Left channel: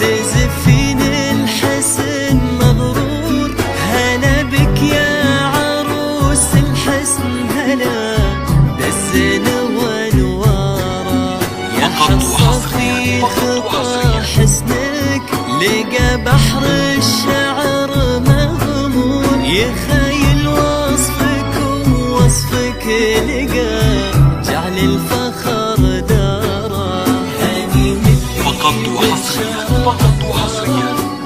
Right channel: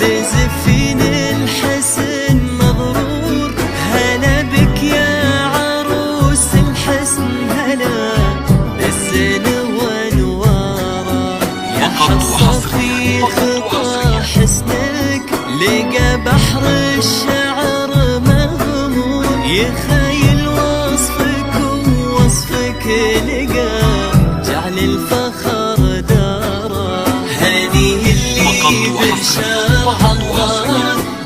تزفين الحسن مغرور. هلا بك يا عروس الحسن هلا بالزين وانواره. يا حصة في خطى حسنك لقى بحر الشعر مغمور. يخيل وصفك ووصفك لقى جعل الفخر داره. هنيه اللي بالشارع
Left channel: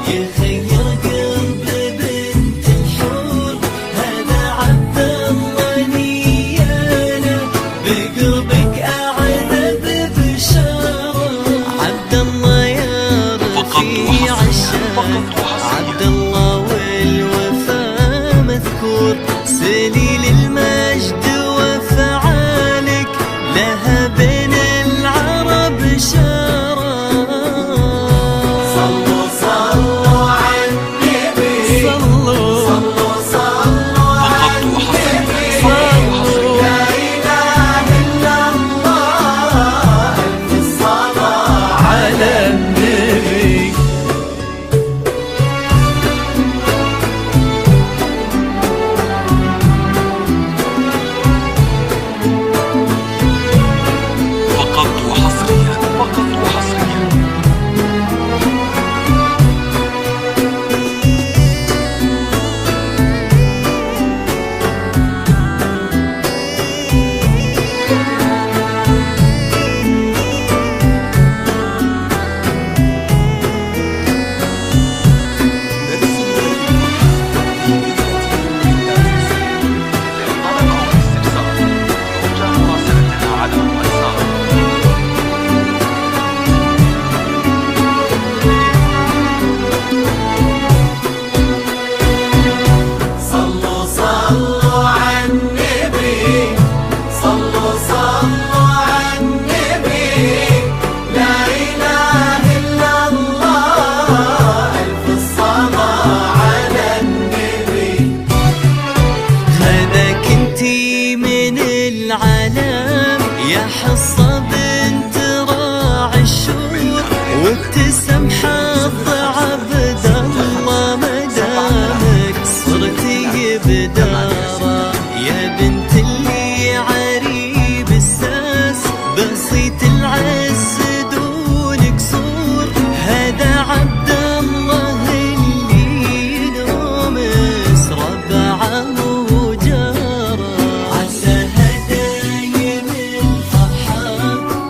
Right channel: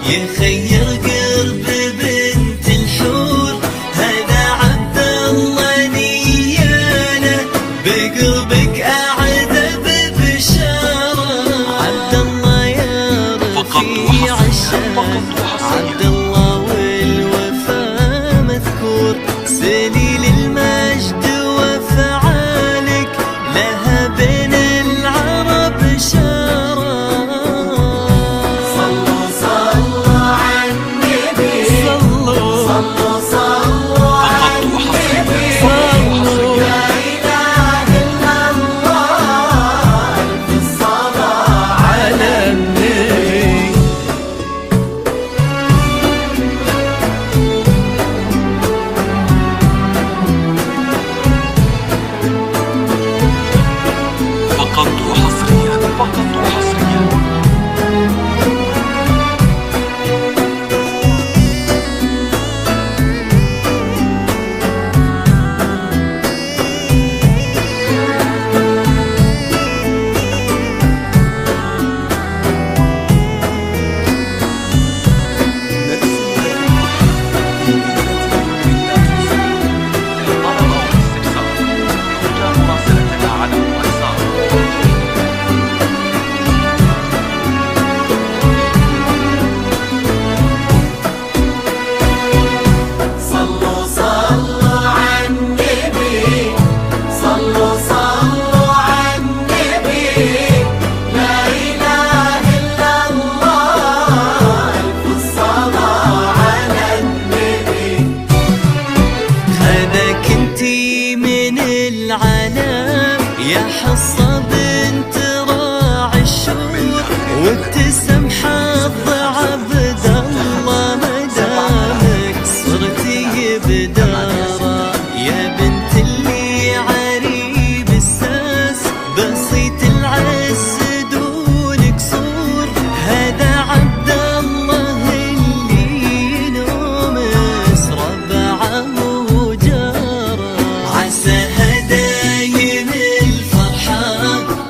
يخير قلب بنت الحور. هذا عبد الله نياله بقلبك أعد ببشارة. عبد الله يا رفيع الشان عبد الله والوفا مذكور. سليل المجد وفعالك لها بين العرب شارة. صلوا فقط وحصريا على النبي. فقط وحصريا مراسلتنا على واتساب. هذاك انتي من العالم يا حصة بنت راعي الشور. وابتسم حظ عبد الله مدامك صرتي بدارة. يا بنت اللي عريب الساس بسيط العز دون قصور. هذا عبد الله اللي نومس ربعه وجاره. عسى هدايم الفرحة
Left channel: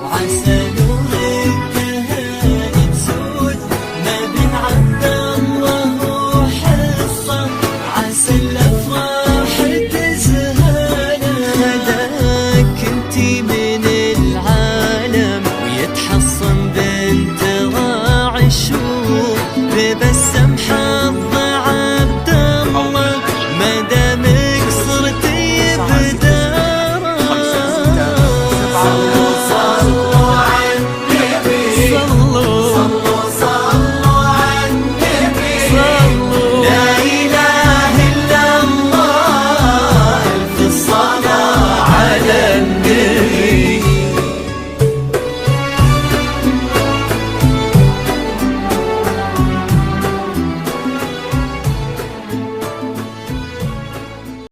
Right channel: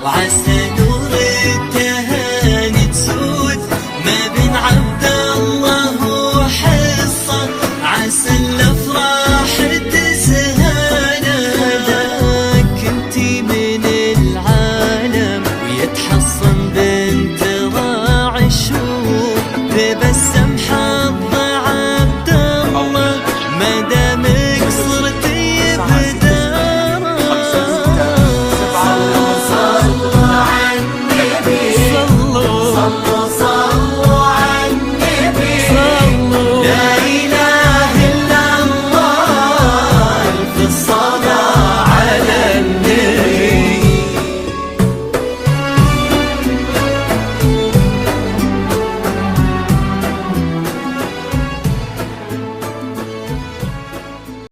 وعسى نور التهاني تسود ما بين عبد الله وحصة. عسى الافراح تزهانا. هداك انتي من العالم ويتحصن بنت راعي الشور. تبسم حظ عبد الله ما دامك صرتي بدارة. صلوا لا إله إلا الله في الصلاة.